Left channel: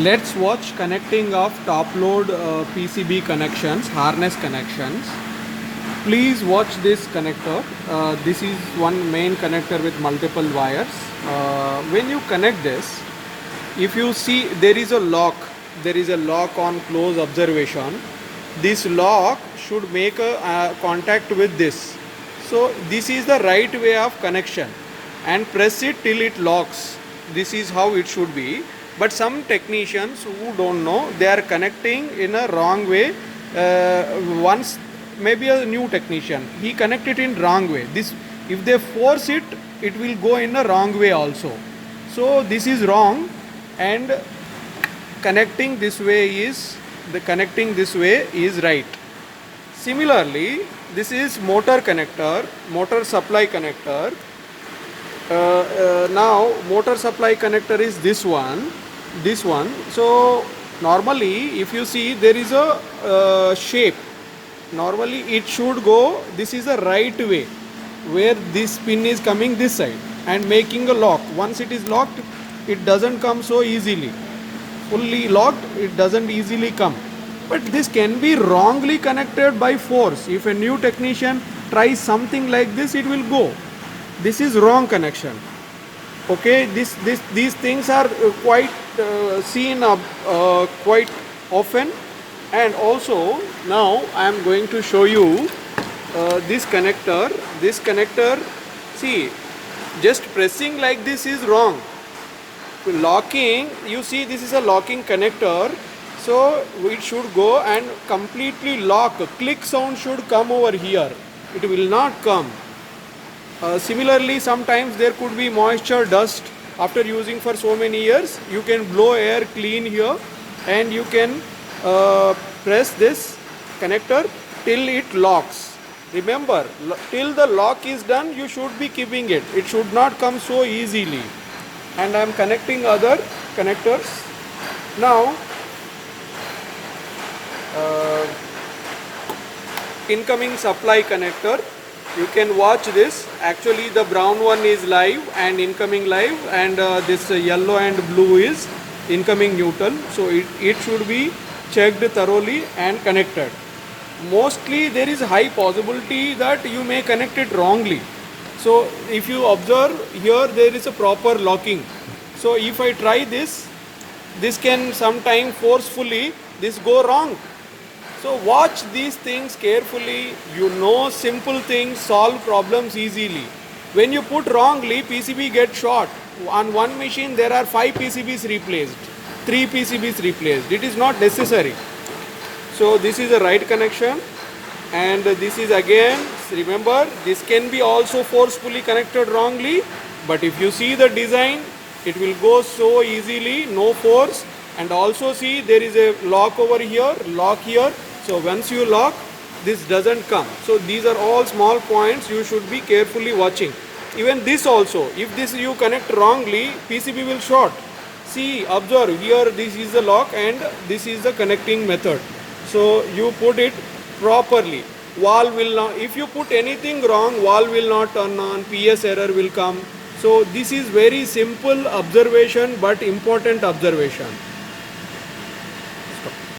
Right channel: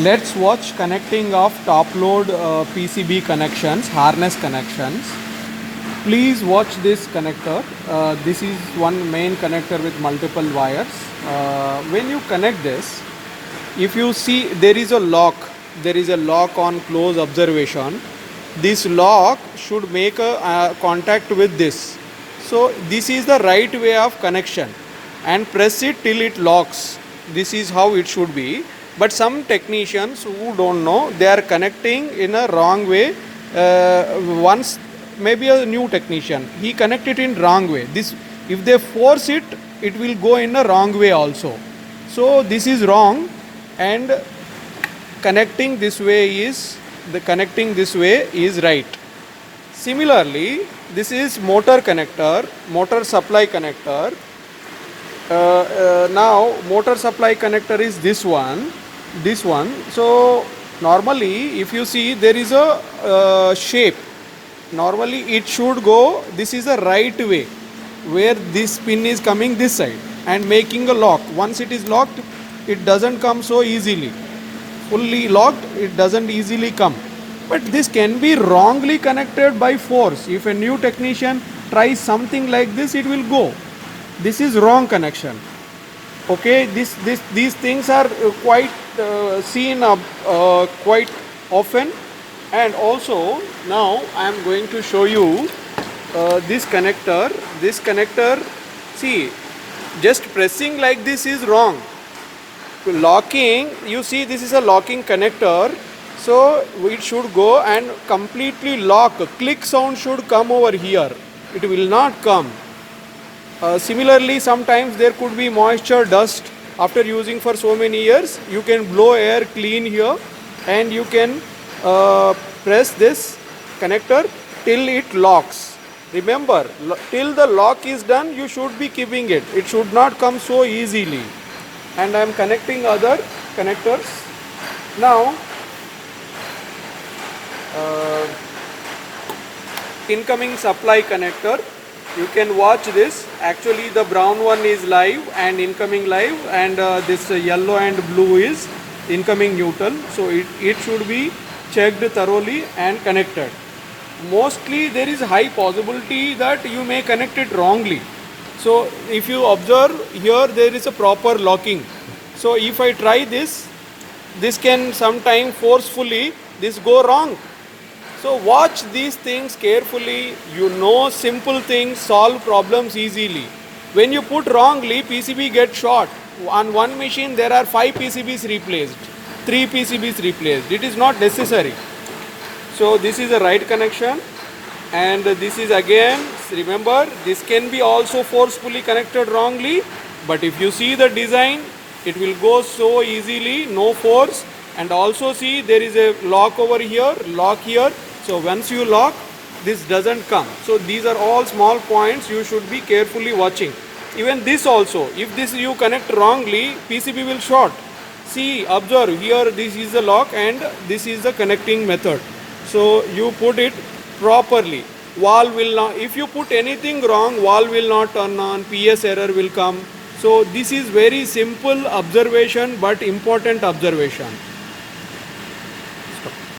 Let's watch connecting of top load PCB connections, harness connections. Please watch this connector. This is one main connector with multiple wires. When you connect this, if you see there is a lock on close observation. This lock should make a contact with this. So this is the right way of connection, and press it till it locks. This is how it should be. But some technicians who don't know, they are connecting in a wrong way. Once maybe a new technician, he connected in wrong way. This, if they force it, it will go in a wrong way also. So this is wrong, and connecting this way is right. Similarly, this is motor connector, motor supply connector. Now motor supply connector is this one. So normally if you see, there is a shape. Normally it should go, this is the right way, where this pin is coming this side and making a lock. Once it is locked, it doesn't come so easily. Fully locked, it doesn't easily come. But this can be wrongly connected by force. If a new technician tries something like this, it will go. This is wrong connection. Okay, these things are quite seen quite often. And also now I am going to show you this connector. See, just pressing like this is wrong. Locking, you see, this is a locking connector, so it should go and completely lock. Click sound should come over here, it will not come. Similarly, sometimes there could be moisture, dust. After using for so many years, you can blow air clean here, and you can press this connector till it locks. Remember, till the lock is done, you should be keeping it. It should not come so easily. And I am connecting other connectors. Now, incoming supply connector. You can watch this. Actually, the brown one is live and incoming live, and this yellow and blue is incoming neutral. So it should be checked thoroughly and connected. Mostly there is high possibility that you may connect it wrongly. So if you observe here, there is a proper locking. So if I try this can sometime forcefully this go wrong. So watch these things carefully. You know, simple things solve problems easily. When you put wrongly, PCB gets short. On one machine there are 5 PCBs replaced, 3 PCBs replaced. It is not necessary. So this is a right connection, and this is again, remember, this can be also forcefully connected wrongly, but if you see the design, it will go so easily, no force. And also see, there is a lock over here, lock here. So once you lock, this doesn't come. So these are all small points you should be carefully watching. Even this also, if this you connect wrongly, PCB will short. See, observe here, this is the lock and this is the connecting method. So you put it properly. Valve will not, if you put anything wrong, valve will not turn on, PS error will come. So this is very simple observation but important observation.